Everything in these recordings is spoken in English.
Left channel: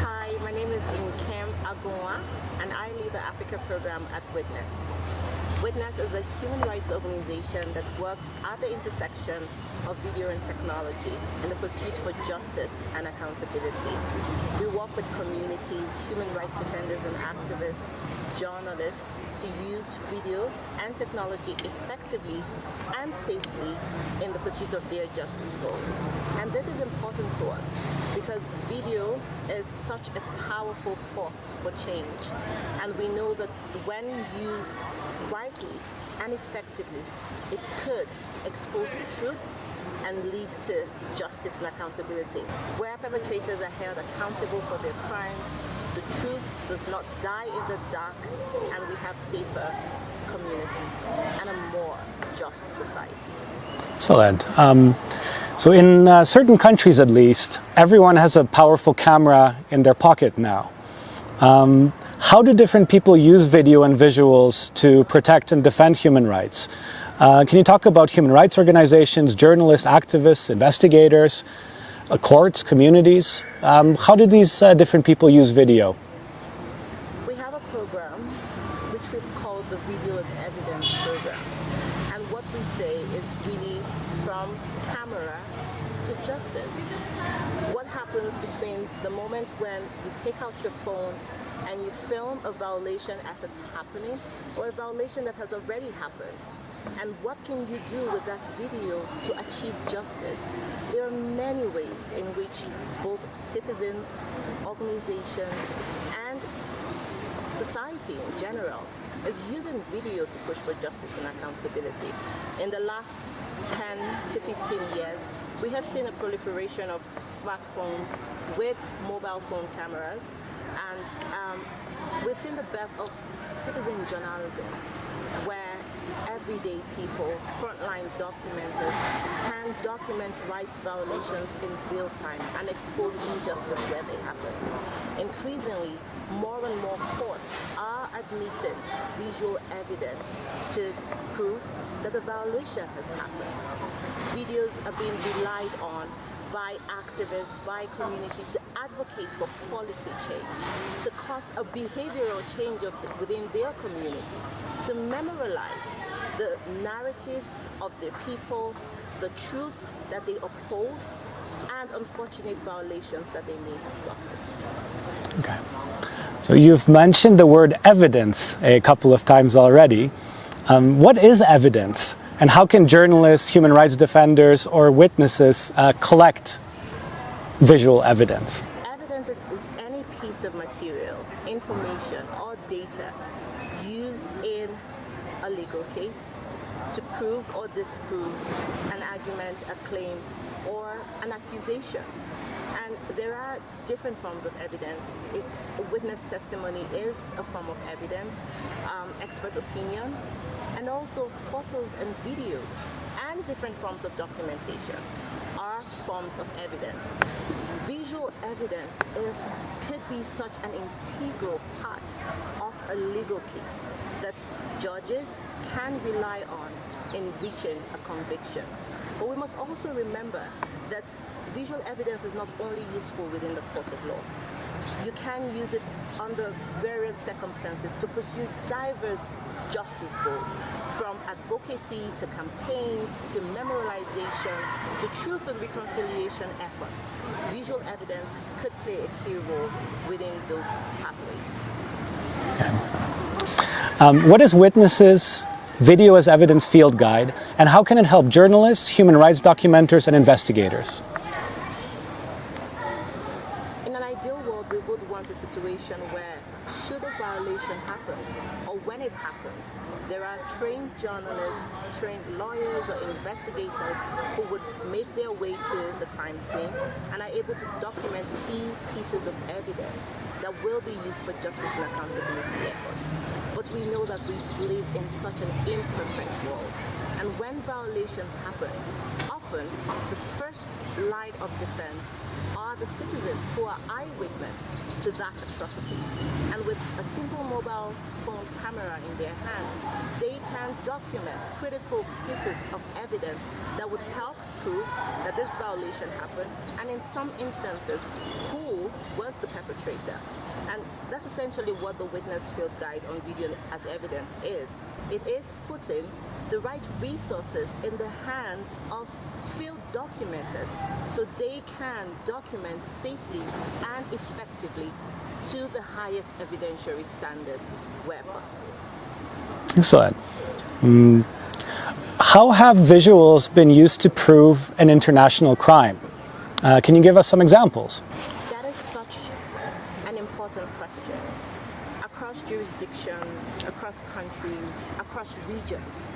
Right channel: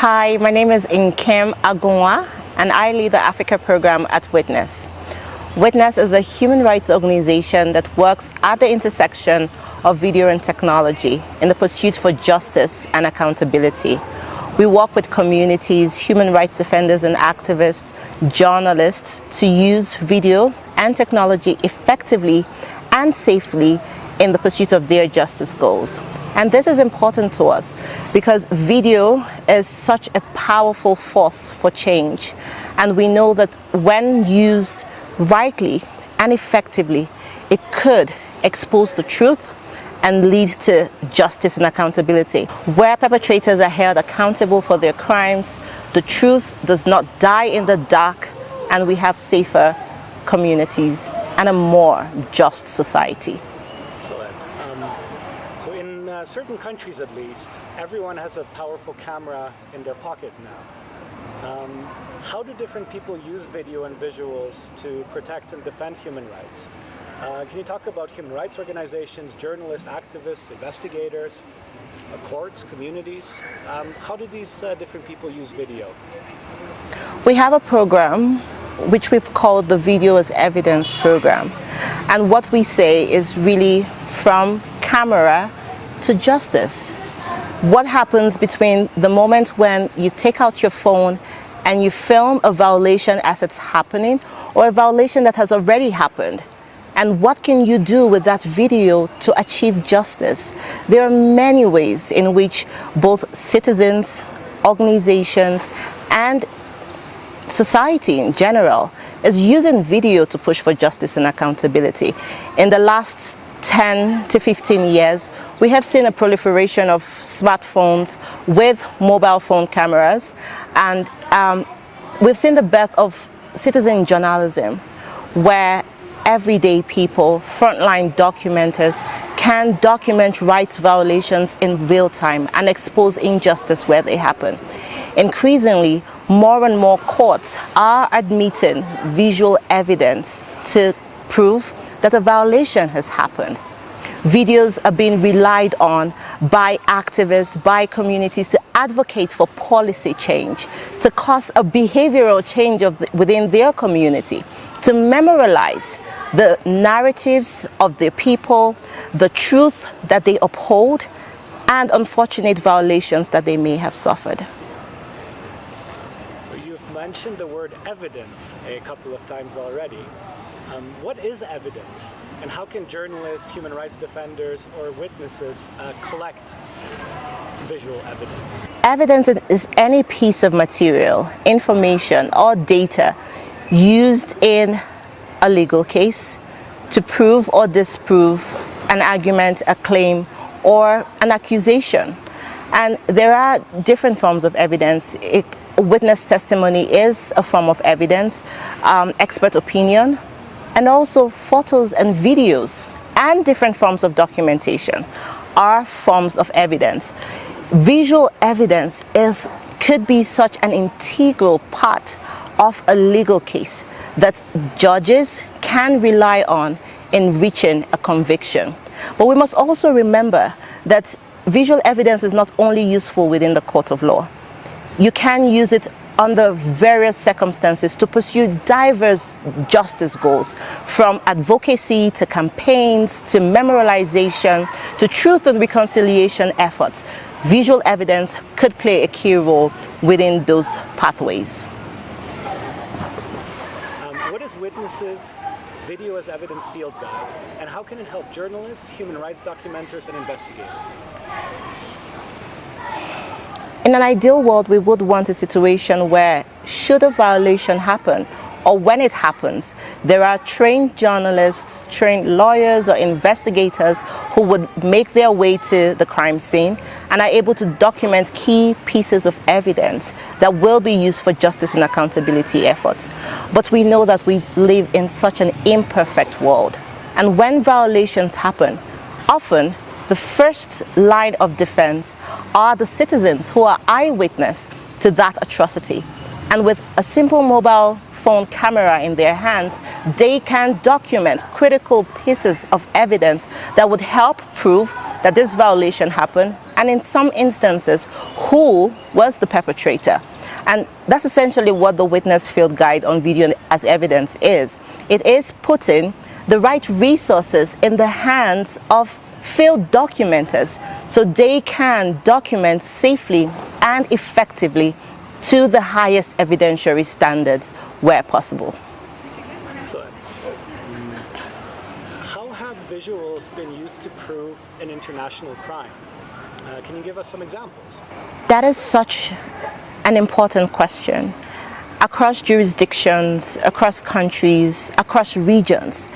Hi, my name is Nkem Agunwa, and I lead the Africa program at Witness. Witness is a human rights organization that works at the intersection of video and technology in the pursuit for justice and accountability. We work with communities, human rights defenders and activists, journalists to use video and technology effectively and safely in the pursuit of their justice goals. And this is important to us because video is such a powerful force for change. And we know that when used rightly and effectively, it could expose the truth and lead to justice and accountability. Where perpetrators are held accountable for their crimes, the truth does not die in the dark, and we have safer communities and a more just society. Excellent. So in certain countries, at least, everyone has a powerful camera in their pocket now. How do different people use video and visuals to protect and defend human rights? Can you talk about human rights organizations, journalists, activists, investigators, courts, communities? How do these different people use video? We have a program which we've called the Video as Evidence program. And what we say is really from camera to justice. What happens between the moment when you take out your phone and you film a violation as it's happening or a violation that has already happened? And what can you do with that video to achieve justice? There are many ways in which both citizens, organizations, and society in general is using video to push for justice and accountability. In the last 10 to 15 years, we have seen a proliferation of smartphones with mobile phone cameras, and we've seen the birth of citizen journalism, where everyday people, frontline documenters, can document rights violations in real time and expose injustice where they happen. Increasingly, more and more courts are admitting visual evidence to prove that a violation has happened. Videos are being relied on by activists, by communities to advocate for policy change, to cause a behavioral change within their community, to memorialize the narratives of their people, the truth that they uphold, and unfortunate violations that they may have suffered. Okay. So you've mentioned the word evidence a couple of times already. What is evidence, and how can journalists, human rights defenders, or witnesses collect visual evidence? Evidence is any piece of material, information, or data used in a legal case to prove or disprove an argument, a claim, or an accusation. And there are different forms of evidence. Witness testimony is a form of evidence, expert opinion, and also photos and videos and different forms of documentation are forms of evidence. Visual evidence could be such an integral part of a legal case that judges can rely on in reaching a conviction. But we must also remember that visual evidence is not only useful within the court of law. You can use it under various circumstances to pursue diverse justice goals, from advocacy to campaigns to memorialization to truth and reconciliation efforts. Visual evidence could play a key role within those pathways. What is Witness's Video as Evidence Field Guide, and how can it help journalists, human rights documenters, and investigators? In an ideal world, we would want a situation where, should a violation happen, or when it happens, there are trained journalists, trained lawyers, or investigators who would make their way to the crime scene and are able to document key pieces of evidence that will be used for justice and accountability efforts. But we know that we live in such an imperfect world. And when violations happen, often the first line of defense are the citizens who are eyewitness to that atrocity. And with a simple mobile phone camera in their hands, they can document critical pieces of evidence that would help prove that this violation happened, and in some instances, who was the perpetrator. And that's essentially what the witness field guide on video as evidence is. It is putting the right resources in the hands of field documenters so they can document safely and effectively to the highest evidentiary standard where possible. Excellent. How have visuals been used to prove an international crime? Can you give us some examples? That is such an important question. Across jurisdictions, across countries, across regions,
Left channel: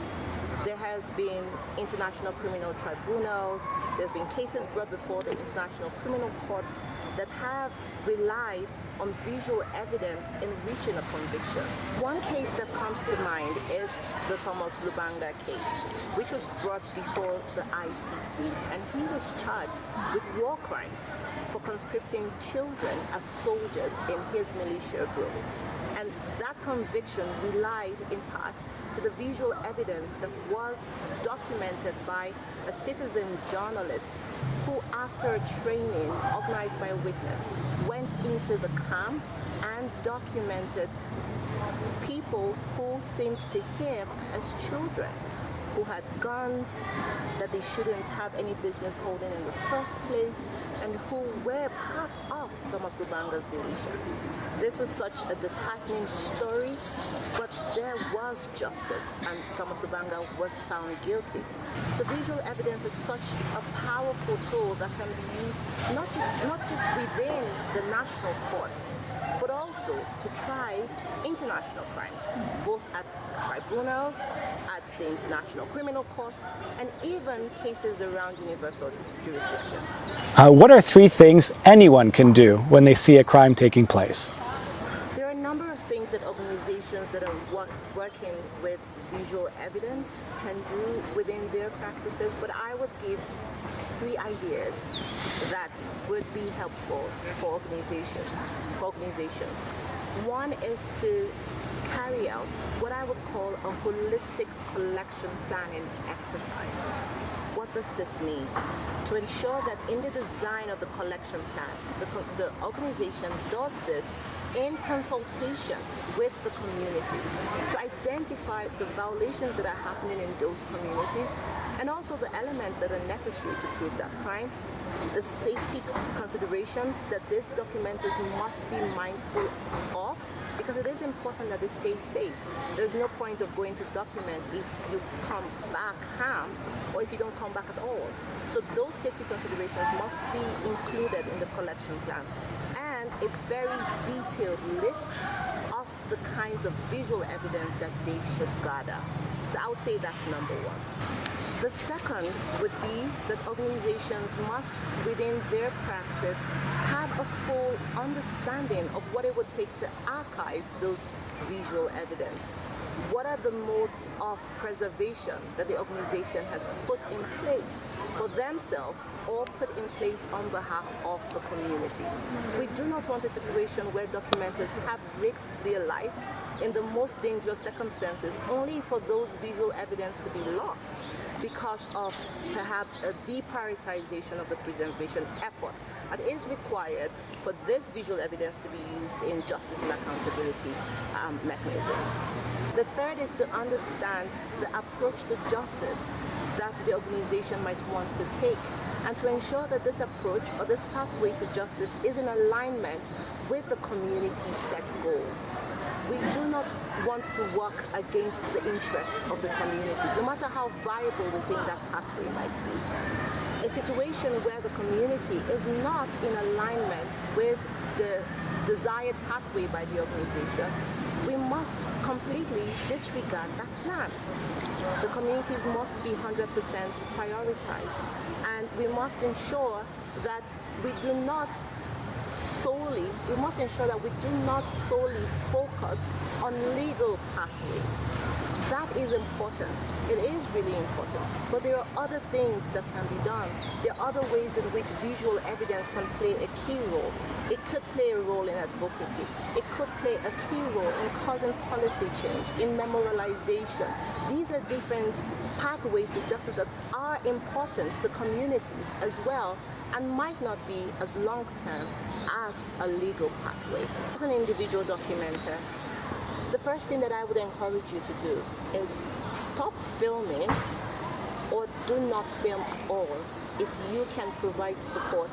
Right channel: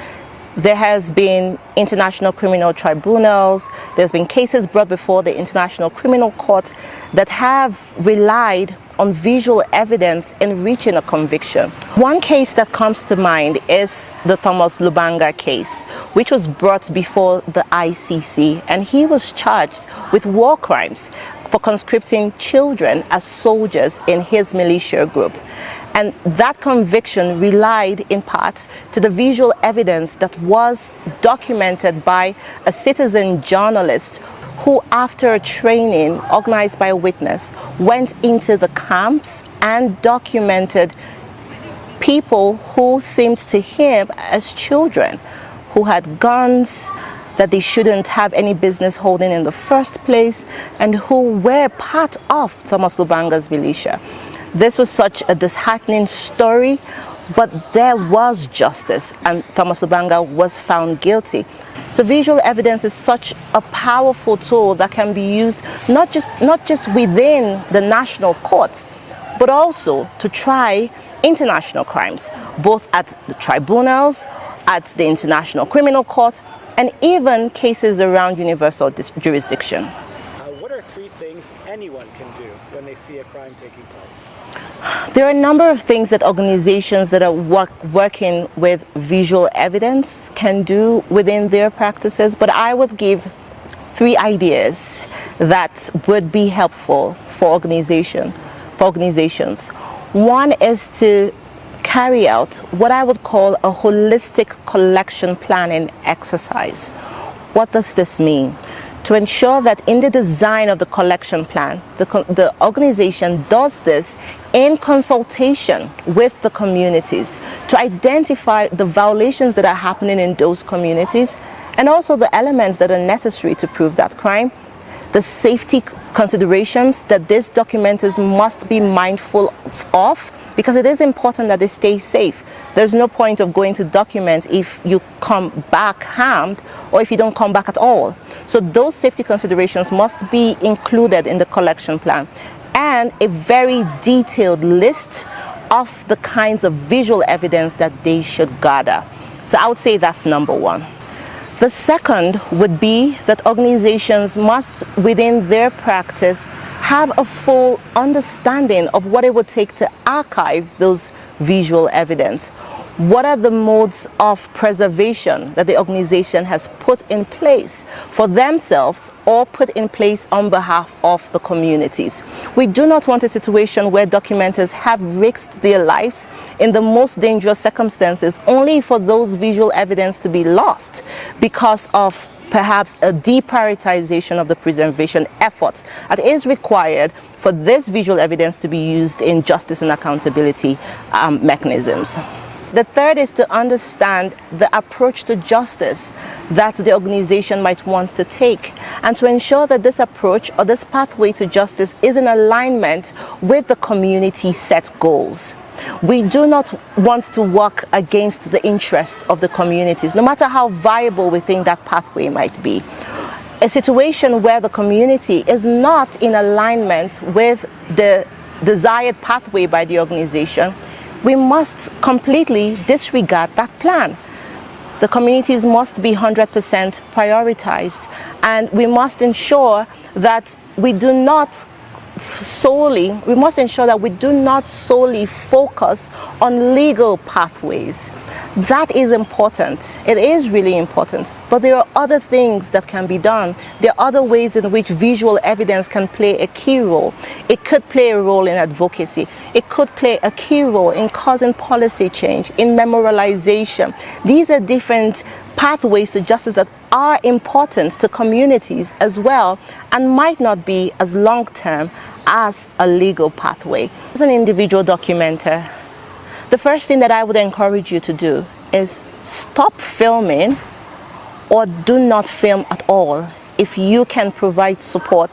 there has been international criminal tribunals, there's been cases brought before the International Criminal Court that have relied on visual evidence in reaching a conviction. One case that comes to mind is the Thomas Lubanga case, which was brought before the ICC, and he was charged with war crimes for conscripting children as soldiers in his militia group. And that conviction relied in part to the visual evidence that was documented by a citizen journalist who, after a training organized by a witness, went into the camps and documented people who seemed to him as children, who had guns that they shouldn't have any business holding in the first place, and who were part of Thomas Lubanga's militia. This was such a disheartening story, but there was justice, and Thomas Lubanga was found guilty. So visual evidence is such a powerful tool that can be used not just within the national courts, but also to try international crimes, both at the tribunals, at the International Criminal Court, and even cases around universal jurisdiction. What are 3 things anyone can do when they see a crime taking place? There are a number of things that organizations that are working with visual evidence can do within their practices, but I would give 3 ideas that would be helpful for organizations. One is to carry out what I would call a holistic collection planning exercise. What does this mean? To ensure that in the design of the collection plan, the organization does this in consultation with the communities to identify the violations that are happening in those communities and also the elements that are necessary to prove that crime, the safety considerations that these documenters must be mindful of, because it is important that they stay safe. There's no point of going to document if you come back harmed or if you don't come back at all. So those safety considerations must be included in the collection plan, and a very detailed list of the kinds of visual evidence that they should gather. So I would say that's number 1. The second would be that organizations must, within their practice, have a full understanding of what it would take to archive those visual evidence. What are the modes of preservation that the organization has put in place for themselves or put in place on behalf of the communities? We do not want a situation where documenters have risked their lives in the most dangerous circumstances only for those visual evidence to be lost because of perhaps a deprioritization of the preservation efforts that is required for this visual evidence to be used in justice and accountability mechanisms. The third is to understand the approach to justice that the organization might want to take, and to ensure that this approach or this pathway to justice is in alignment with the community set goals. We do not want to work against the interests of the communities, no matter how viable we think that pathway might be. A situation where the community is not in alignment with the desired pathway by the organization, we must completely disregard that plan. The communities must be 100% prioritized, and we must ensure that we do not solely focus on legal pathways, That is important. It is really important. But there are other things that can be done. There are other ways in which visual evidence can play a key role. It could play a role in advocacy. It could play a key role in causing policy change, in memorialization. These are different pathways to justice that are important to communities as well and might not be as long-term as a legal pathway. As an individual documenter, the first thing that I would encourage you to do is stop filming or do not film at all if you can provide support,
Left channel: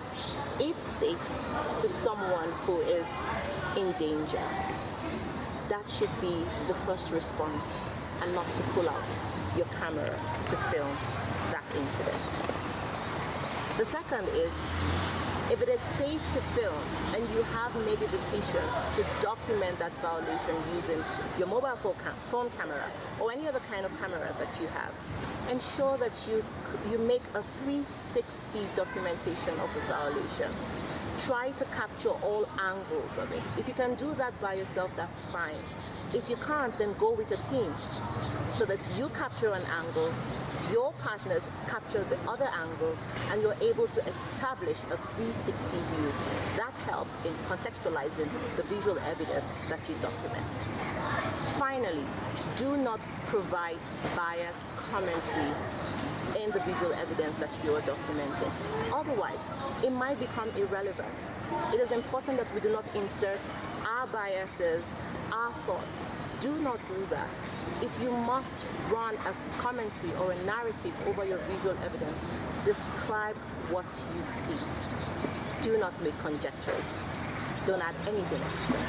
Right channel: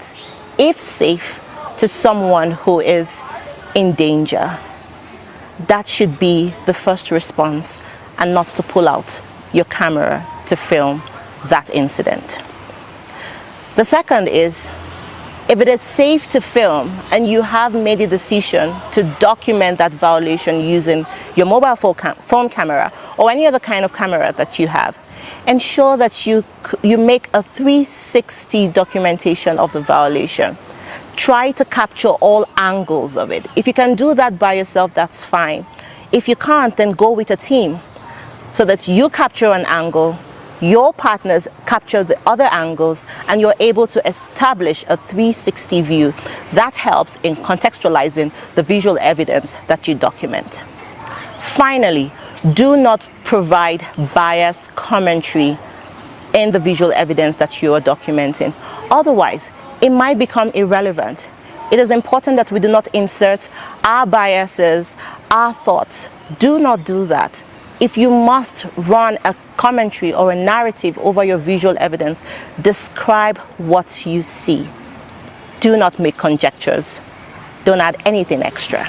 if safe, to someone who is in danger. That should be the first response, and not to pull out your camera to film that incident. The second is, if it is safe to film and you have made a decision to document that violation using your mobile phone camera or any other kind of camera that you have, ensure that you make a 360 documentation of the violation. Try to capture all angles of it. If you can do that by yourself, that's fine. If you can't, then go with a team so that you capture an angle, your partners capture the other angles, and you're able to establish a 360 view. That helps in contextualizing the visual evidence that you document. Finally, do not provide biased commentary in the visual evidence that you are documenting. Otherwise, it might become irrelevant. It is important that we do not insert our biases, our thoughts. Do not do that. If you must run a commentary or a narrative over your visual evidence, describe what you see. Do not make conjectures. Don't add anything extra.